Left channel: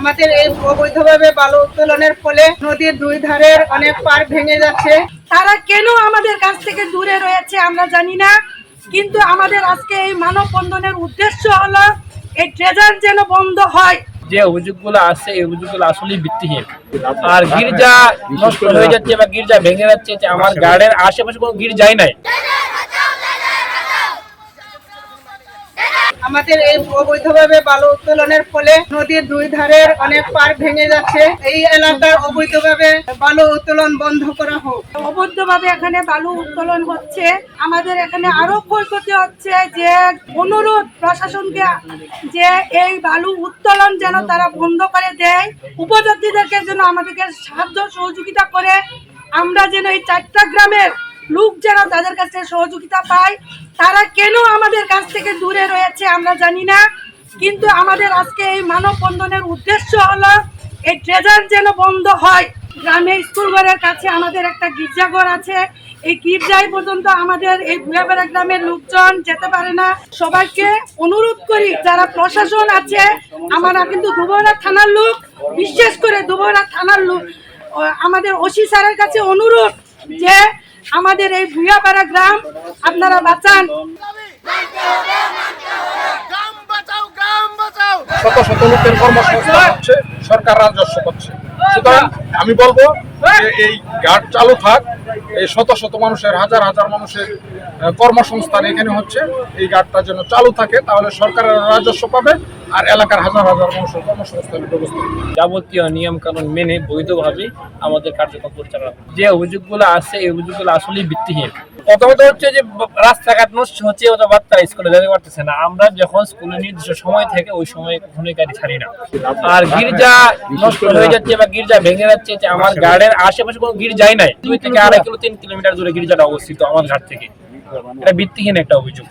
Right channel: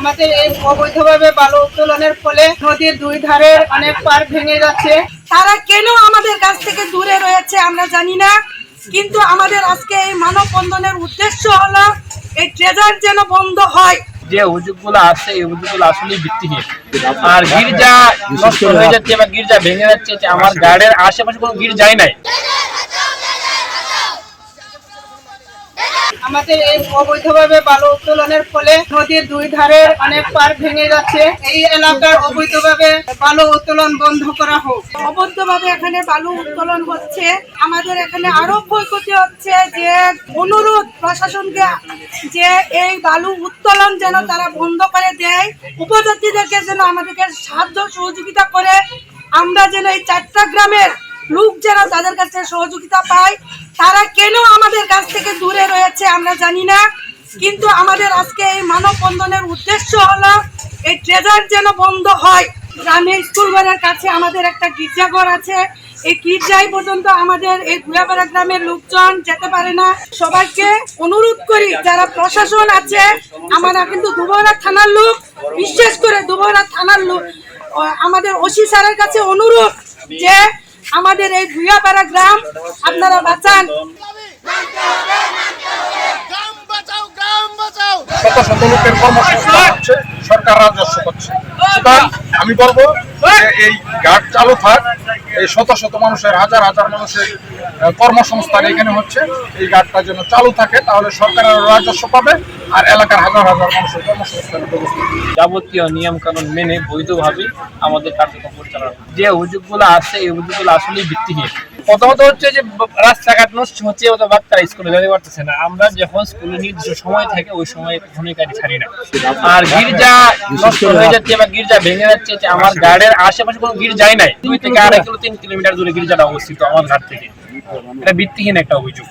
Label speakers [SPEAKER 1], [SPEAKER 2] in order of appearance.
[SPEAKER 1] আমাদের এই অবৈধভাবে বালু উত্তোলনের ফলে নদীর দুই ধারের অনেক পার ভেঙে যাচ্ছে।
[SPEAKER 2] তারা কেন আমাদের কাছ থেকে দূরে রয়েছে আমরা জানি না কিন্তু আমাদের আজকে এই মানববন্ধনের উদ্দেশ্য হলো এই ট্রেজার যেন বন্ধ হয়।
[SPEAKER 3] যে অভিযোগগুলো আসছে এই অভিযোগগুলো আসলে ভিত্তিহীন। আর গির্জা নষ্ট হয়ে যাচ্ছে বা গির্জা ভেঙে যাচ্ছে যে আমার গার্ডের আশেপাশে কোনো গির্জাই নাই।
[SPEAKER 1] আমাদের এই অবৈধভাবে বালু উত্তোলনের ফলে নদীর দুই ধারের অনেক পার ভেঙে যাচ্ছে। এই এলাকার অবৈধভাবে বালু উত্তোলন বন্ধ করা হোক।
[SPEAKER 2] অবৈধভাবে এখানে বালু উত্তোলন হচ্ছে। আমাদের এখানে আরও ক্ষয়ক্ষতি হচ্ছে যে অনুরোধ প্রশাসনকে যে এই বালু উত্তোলন যেন তারা বন্ধ করে দেয়। উপজাতিদেরকে যেন আমাদেরকে সাহায্য সহযোগিতা করে। আমরা যেন এই চারটা গ্রামের লোক যারা তাদের কাছে সহযোগিতা পায়, তারা কেন আমাদের কাছ থেকে দূরে রয়েছে আমরা জানি না। কিন্তু আমাদের আজকে এই মানববন্ধনের উদ্দেশ্য হলো, এই ট্রেজার যেন বন্ধ হয়। গ্রামে স্কুল ঘরের কাছে আমাদের একটা গির্জাঘর আছে। এই গির্জায় পর্যন্ত আমাদের এই ভুয়াবেড়া গ্রামের লোকজন যেতে পারে না। সবাইকে অনুরোধ করি, যারা প্রশাসন আছে, আমরা কিন্তু দুবরা থানার লোক, বিশেষ করে দুবরা থানার লোক আমাদের ওসি স্যারের কাছে অনুরোধ যে আমাদের এই ভুয়াপাড়া গ্রাম আপনারা বাঁচান।
[SPEAKER 4] গ্রাম বাঁচাও গ্রাম বাঁচাও।
[SPEAKER 5] শত শত লোকের কর্মসংস্থান হচ্ছে সরকার রাজস্ব করছে সুতরাং আমি বলব যে এই ঘাট চালু থাক এই শত শত মানুষের হাজার হাজার মানুষের কর্মসংস্থান এখানে হচ্ছে। এই ঘাটটা যেন চালু থাকে তাহলে সরকারের রাজস্ব পাবে আর এলাকার হাজার হাজার মানুষের কর্মসংস্থানের ব্যবস্থা
[SPEAKER 3] যাবতীয় নিয়ম কানুন মেনে বৈধভাবে আমাদের কার্যক্রম পরিচালনা। যে অভিযোগগুলো আছে এই অভিযোগগুলো আসলে ভিত্তিহীন। প্রথমত হচ্ছে যে রাস্তাঘাট নষ্ট হচ্ছে অথবা বাচ্চারা স্কুলে যেতে পারতেছে না। আমরা যখন স্কুলে নির্দিষ্ট সময় থাকে ওই সময় কখনোই গাড়ি ছাড়ি না। আর গির্জা নষ্ট হয়ে যাচ্ছে বা গির্জা ভেঙে যাচ্ছে যে আমার গার্ডের আশেপাশে কোনো গির্জাই নাই। দুই থেকে আড়াই কিলো তিন কিলোমিটার দূরে গির্জাটা অবস্থিত আমার ঘাট থেকে। এটা ভিত্তিহীন একটা অভিযোগ।